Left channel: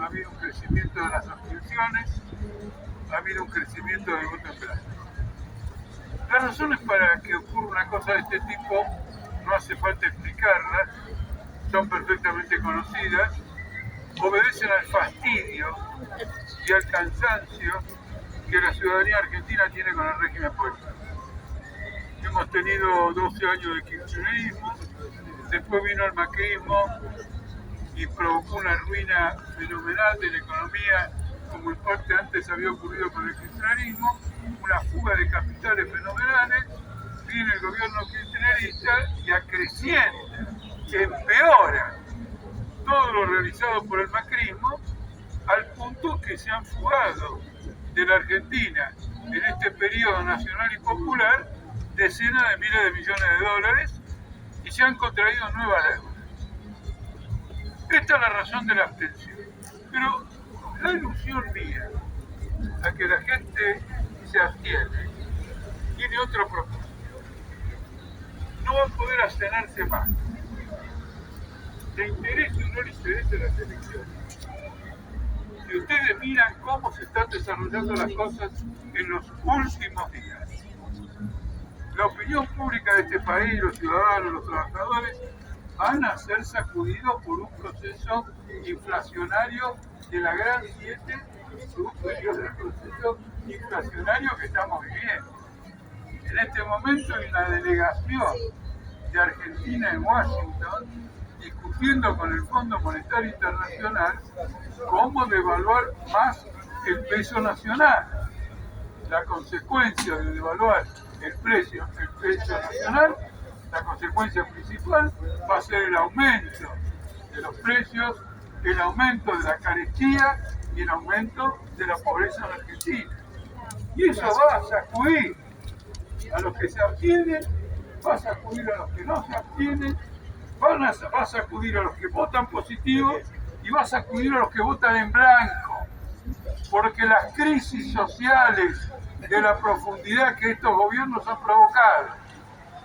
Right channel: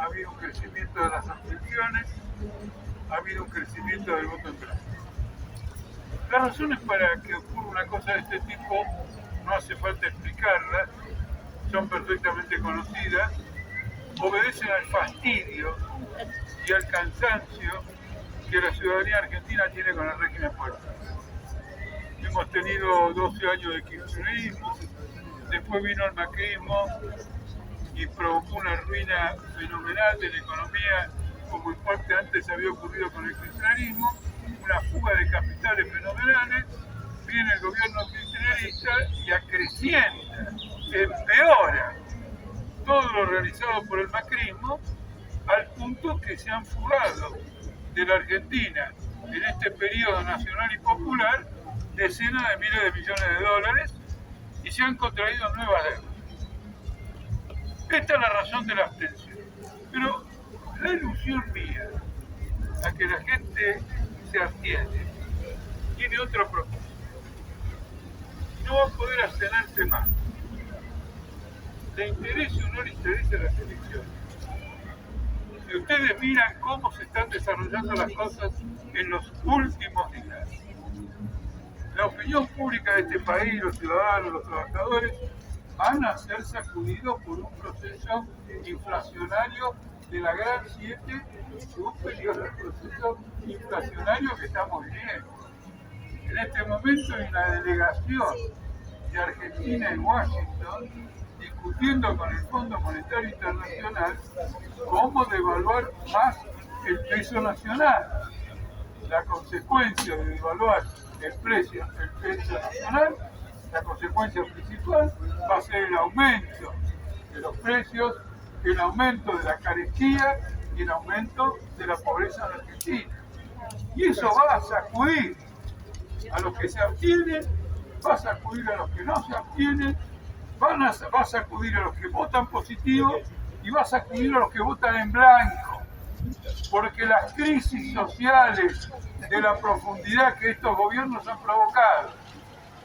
ha habido un crecimiento de las abstenciones, ha habido un crecimiento del voto en blanco. Las razones para que ocurra una cosa de este tipo no hace falta explicarlas, son perfectamente conocidas, obedecen al fastidio y al cansancio que la ciudadanía argentina tiene con el régimen político. Hemos tenido 12 años de kirchnerismo, después vino el macrismo y provocó una ruina fenomenal de la economía, como en parte antes había ocurrido con el kirchnerismo, una fuga de capitales fenomenales. Viene el gobierno kirchnerista y acrecienta, empeora todo lo realizado por el macrismo, al punto que se han fugado de la Argentina en este periodo nacional y popular decenas de miles de millones de dólares y se han contraído nuevas deudas. Esta es la razón de la abstención. Pero la ilusión mía a que la gente se abstiene tiene otro propósito. No va a poder abstenerse más. Le interese o no le interese las elecciones. Si ustedes miran cómo se están desarrollando las cosas en los últimos días, la opinión pública de este país, los ciudadanos, los trabajadores, van a ser sacudidos por un proceso inflacionario de la gran 7, superior al proceso inflacionario que estamos viviendo. En este momento hay una delegación de Argentina en Washington discutiendo con el Fondo Monetario Internacional cómo devaluar más el peso nacional. La consecuencia de devaluar el peso nacional, la consecuencia principal va a ser el aumento de los precios, el aumento de la carestía y el aumento de la pobreza en Argentina. Y eso va a sacudir a los que se abstienen, va a sacudir a los que no se abstienen, va a sacudir a los que votan positivo y va a sacudir a los que votan en blanco. Porque las crisis sociales de la profundidad que estos gobiernos han provocado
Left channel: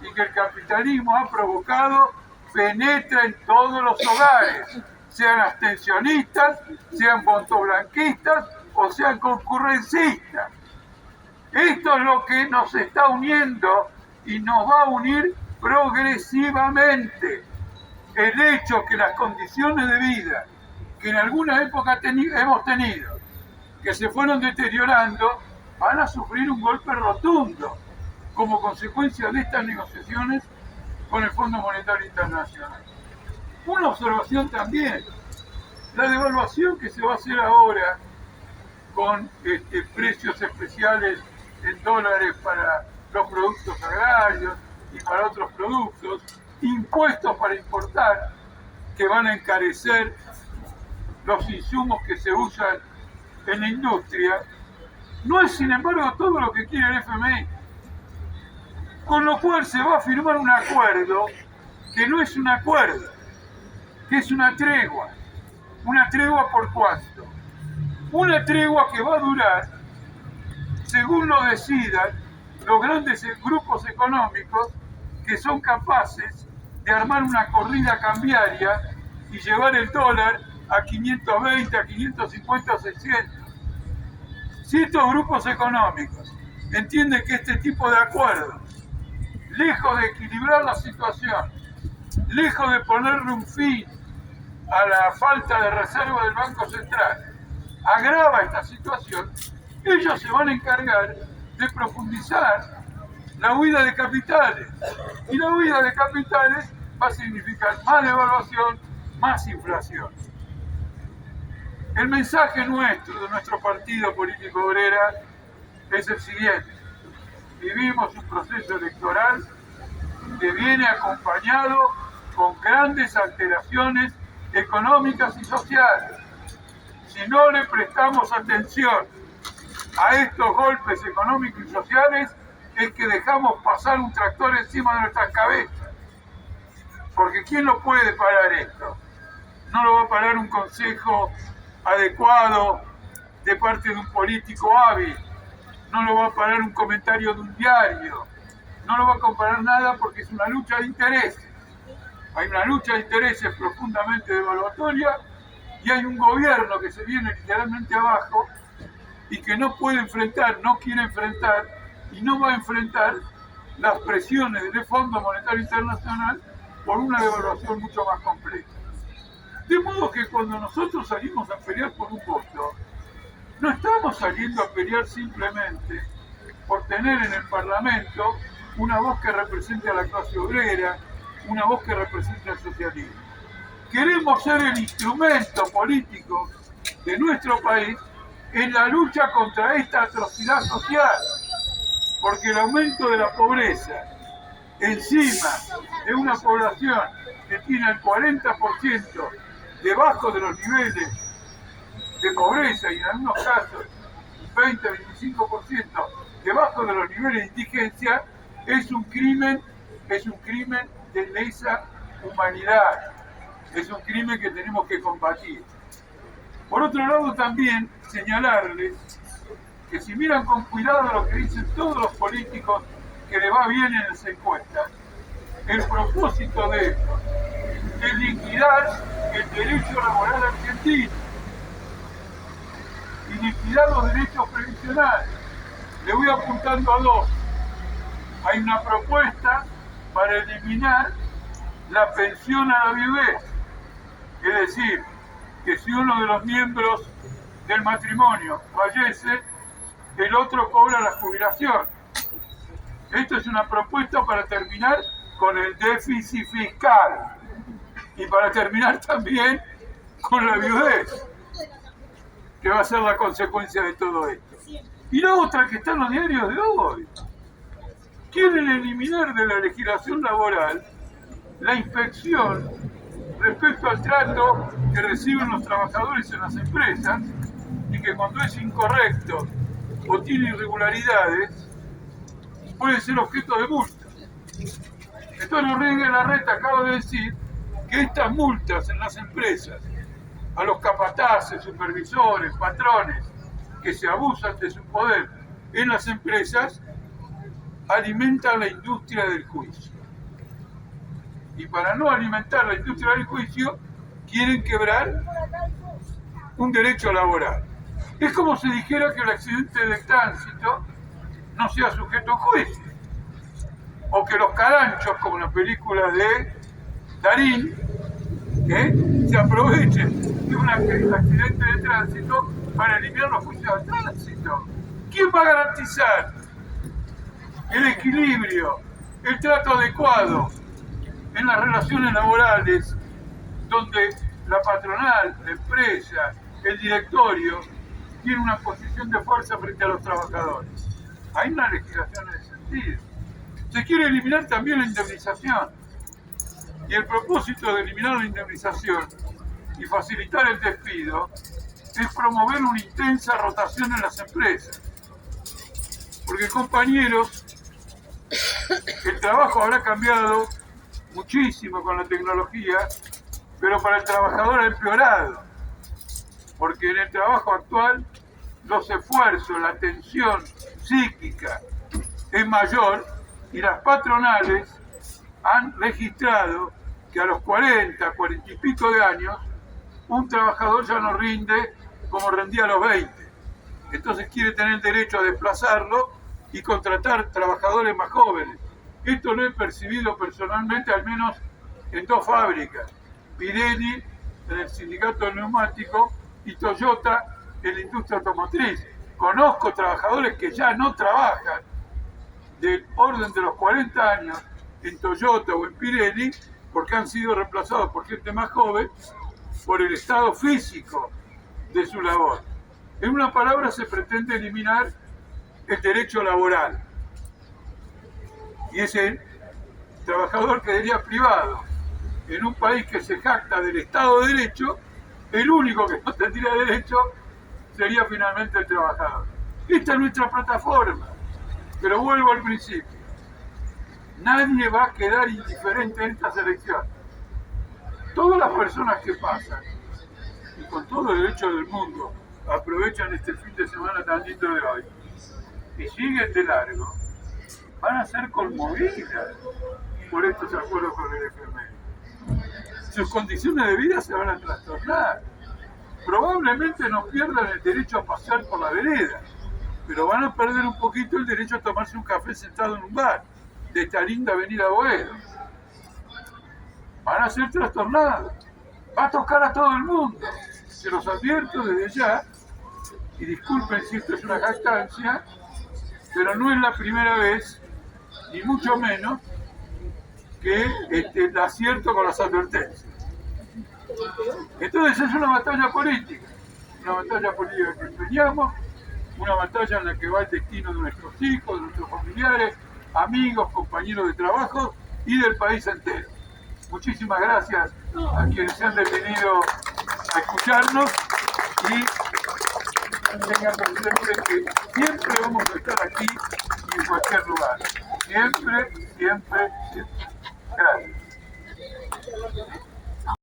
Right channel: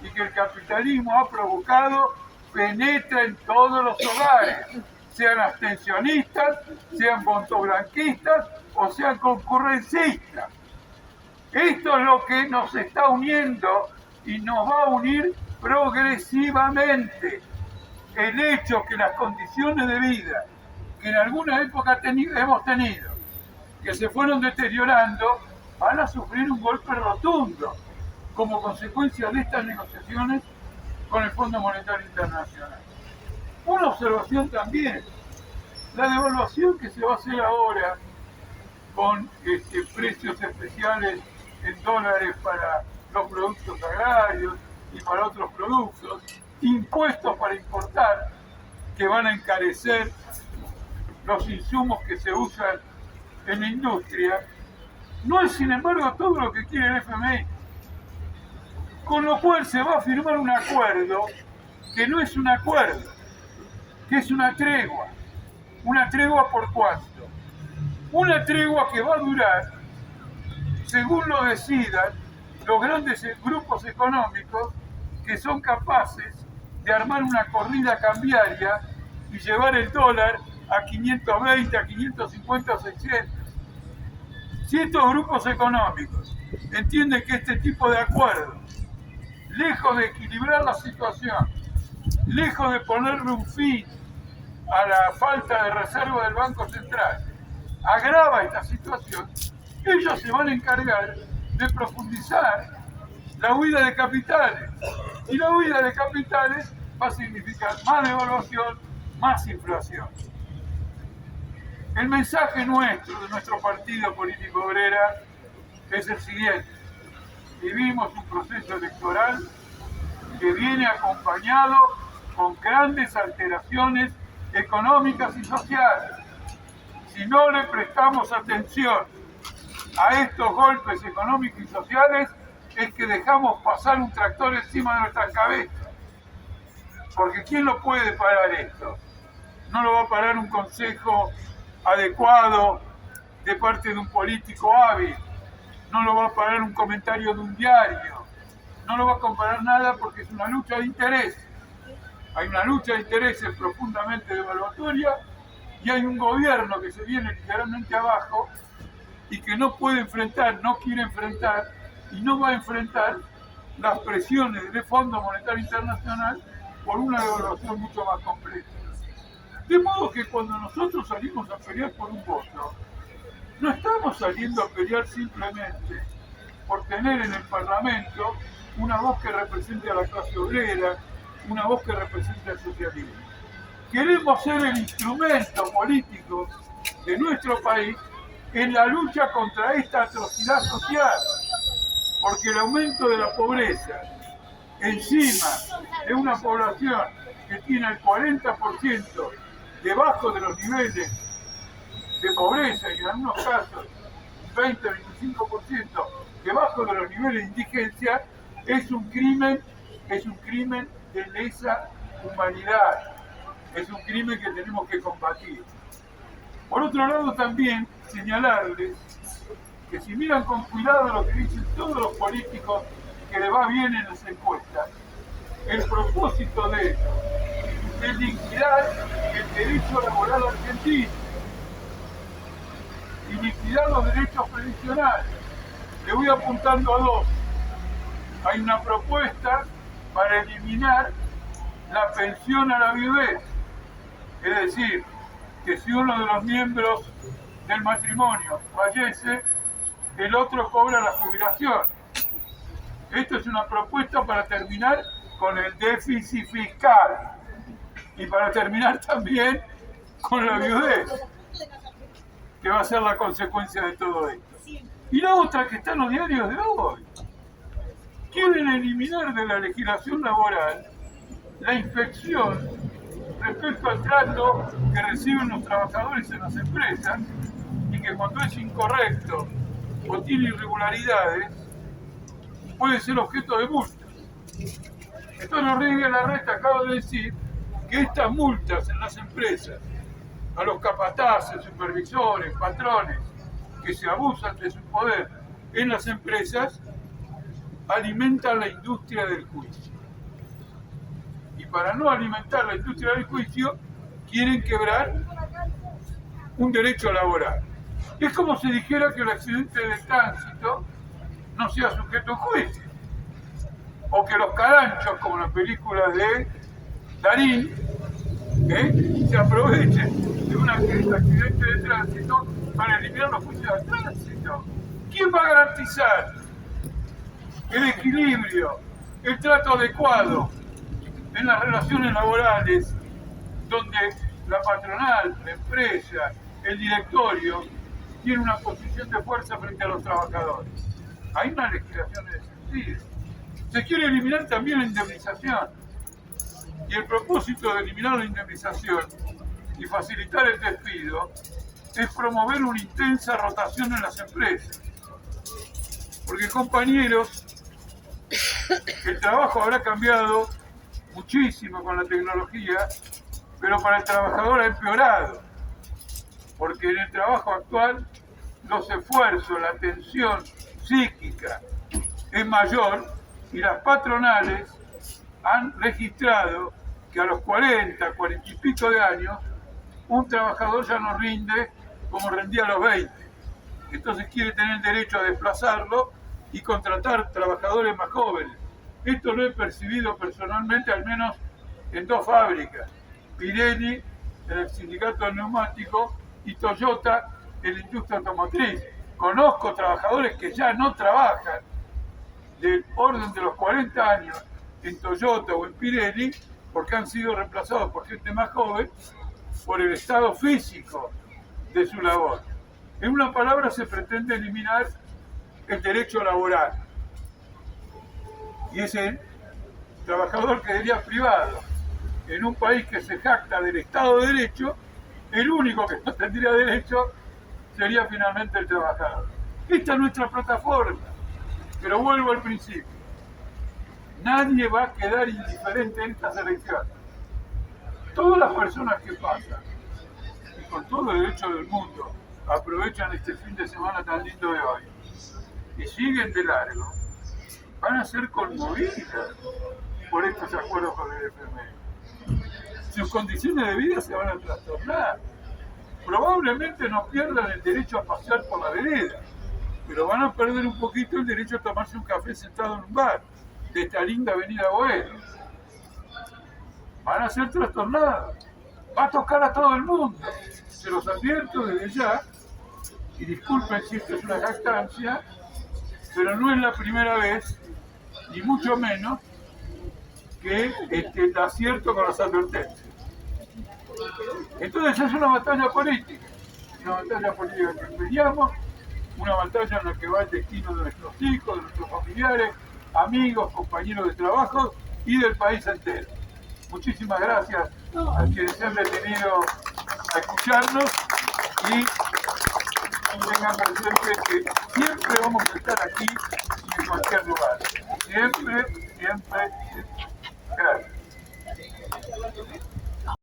y que el capitalismo ha provocado penetra en todos los hogares, sean abstencionistas, sean vontoblanquistas o sean concurrencistas. Esto es lo que nos está uniendo y nos va a unir progresivamente. El hecho que las condiciones de vida que en alguna época hemos tenido, que se fueron deteriorando, van a sufrir un golpe rotundo como consecuencia de estas negociaciones con el Fondo Monetario Internacional. Una observación también, la devaluación que se va a hacer ahora con precios especiales en dólares para los productos agrarios y para otros productos, impuestos para importar que van a encarecer los insumos que se usan en la industria, no es sin embargo todo lo que quiere el FMI. Con lo cual se va a firmar un acuerdo que no es un acuerdo, que es una tregua. ¿Una tregua por cuánto? Una tregua que va a durar, según lo decidan los grandes grupos económicos que son capaces de armar una corrida cambiaria y llevar el dólar a 520, a 550 o 600. Si estos grupos económicos entienden que este tipo de acuerdos, lejos de equilibrar la situación, lejos de ponerle un fin a la falta de reserva del Banco Central, agrava esta situación, ellos se van a encargar de profundizar la huida de capitales. Y la huida de capitales va a significar más devaluación, más inflación. El mensaje nuestro, de nuestro partido político obrera, es el siguiente. Vivimos un proceso electoral que viene acompañado con grandes alteraciones económicas y sociales. Si no le prestamos atención a estos golpes económicos y sociales, es que dejamos pasar un tractor encima de nuestras cabezas. Porque ¿quién lo puede parar esto? No lo va a parar un consejo adecuado de parte de un político hábil, no lo va a parar un comentario de un diario, no lo va a comparar nada porque es una lucha de intereses. Hay una lucha de intereses profundamente devaluatoria y hay un gobierno que se viene literalmente abajo y que no puede enfrentar, no quiere enfrentar y no va a enfrentar las presiones del Fondo Monetario Internacional por una devaluación mucho más compleja. De modo que cuando nosotros salimos a pelear por un voto, no estamos saliendo a pelear simplemente por tener en el Parlamento una voz que represente a la clase obrera, una voz que represente al socialismo. Queremos ser el instrumento político de nuestro país en la lucha contra esta atrocidad social, porque el aumento de la pobreza encima de una población que tiene el 40% debajo de los niveles de pobreza y en algunos casos 20-25% debajo de los niveles de indigencia, es un crimen de lesa humanidad, es un crimen que tenemos que combatir. Por otro lado, también señalarles que si miran con cuidado lo que dicen todos los políticos que les va bien en las encuestas, el propósito de ellos es liquidar el derecho laboral argentino y liquidar los derechos previsionales. Le voy apuntando a dos. Hay una propuesta para eliminar la pensión a la viudez, es decir, que si uno de los miembros del matrimonio fallece, el otro cobra la jubilación. Esto es una propuesta para terminar con el déficit fiscal y para terminar también con la viudez, que va a ser la consecuencia de todo esto. Y la otra que está en los diarios de hoy, quieren eliminar de la legislación laboral la inspección respecto al trato que reciben los trabajadores en las empresas y que cuando es incorrecto o tiene irregularidades puede ser objeto de multas. Entonces Rodríguez Larreta acaba de decir que estas multas en las empresas a los capataces, supervisores, patrones que se abusan de su poder en las empresas alimentan la industria del juicio. Y para no alimentar la industria del juicio, quieren quebrar un derecho laboral. Es como si dijera que el accidente de tránsito no sea sujeto a juicio. O que los caranchos, como la película de Darín, se aprovechen de un accidente de tránsito para eliminar los juicios de tránsito. ¿Quién va a garantizar el equilibrio, el trato adecuado en las relaciones laborales donde la patronal, la empresa, el directorio tiene una posición de fuerza frente a los trabajadores? Hay una legislación en ese sentido. Se quiere eliminar también la indemnización. Y el propósito de eliminar la indemnización y facilitar el despido es promover una intensa rotación en las empresas. Porque, compañeros, el trabajo habrá cambiado muchísimo con la tecnología, pero para el trabajador ha empeorado. Porque en el trabajo actual los esfuerzos, la tensión psíquica es mayor y las patronales han registrado que a los 40 y pico de años un trabajador ya no rinde como rendía a los 20. Entonces quiere tener el derecho a desplazarlo y contratar trabajadores más jóvenes. Esto lo he percibido personalmente al menos en dos fábricas, Pirelli en el sindicato del neumático y Toyota en la industria automotriz. Conozco trabajadores que ya no trabajan del orden de los 40 años en Toyota o en Pirelli porque han sido reemplazados por gente más joven por el estado físico de su labor. En una palabra, se pretende eliminar el derecho laboral. Y ese trabajador quedaría privado. En un país que se jacta del Estado de Derecho, el único que no tendría derecho sería finalmente el trabajador. Esta es nuestra plataforma. Pero vuelvo al principio. Nadie va a quedar indiferente en estas elecciones. Todas las personas que pasan, y con todo el derecho del mundo, aprovechan este fin de semana tan lindo de hoy, y siguen de largo, van a ser conmovidas por estos acuerdos con el FMI. Sus condiciones de vida se van a trastornar. probablemente no pierdan el derecho a pasear por la vereda, pero van a perder un poquito el derecho a tomarse un café sentado en un bar de esta linda avenida Boedo. Van a ser trastornados. Va a tocar a todo el mundo. Se los advierto desde ya, y disculpen si esto es una jactancia, pero no es la primera vez, ni mucho menos, que la acierto con las advertencias. Entonces es una batalla política que empeñamos, una batalla en la que va el destino de nuestros hijos, de nuestros familiares, amigos, compañeros de trabajo y del país entero. Muchísimas gracias a quienes se han detenido a escucharnos y tengan presente que siempre vamos a estar aquí y en cualquier lugar. Siempre, siempre, siempre. Gracias.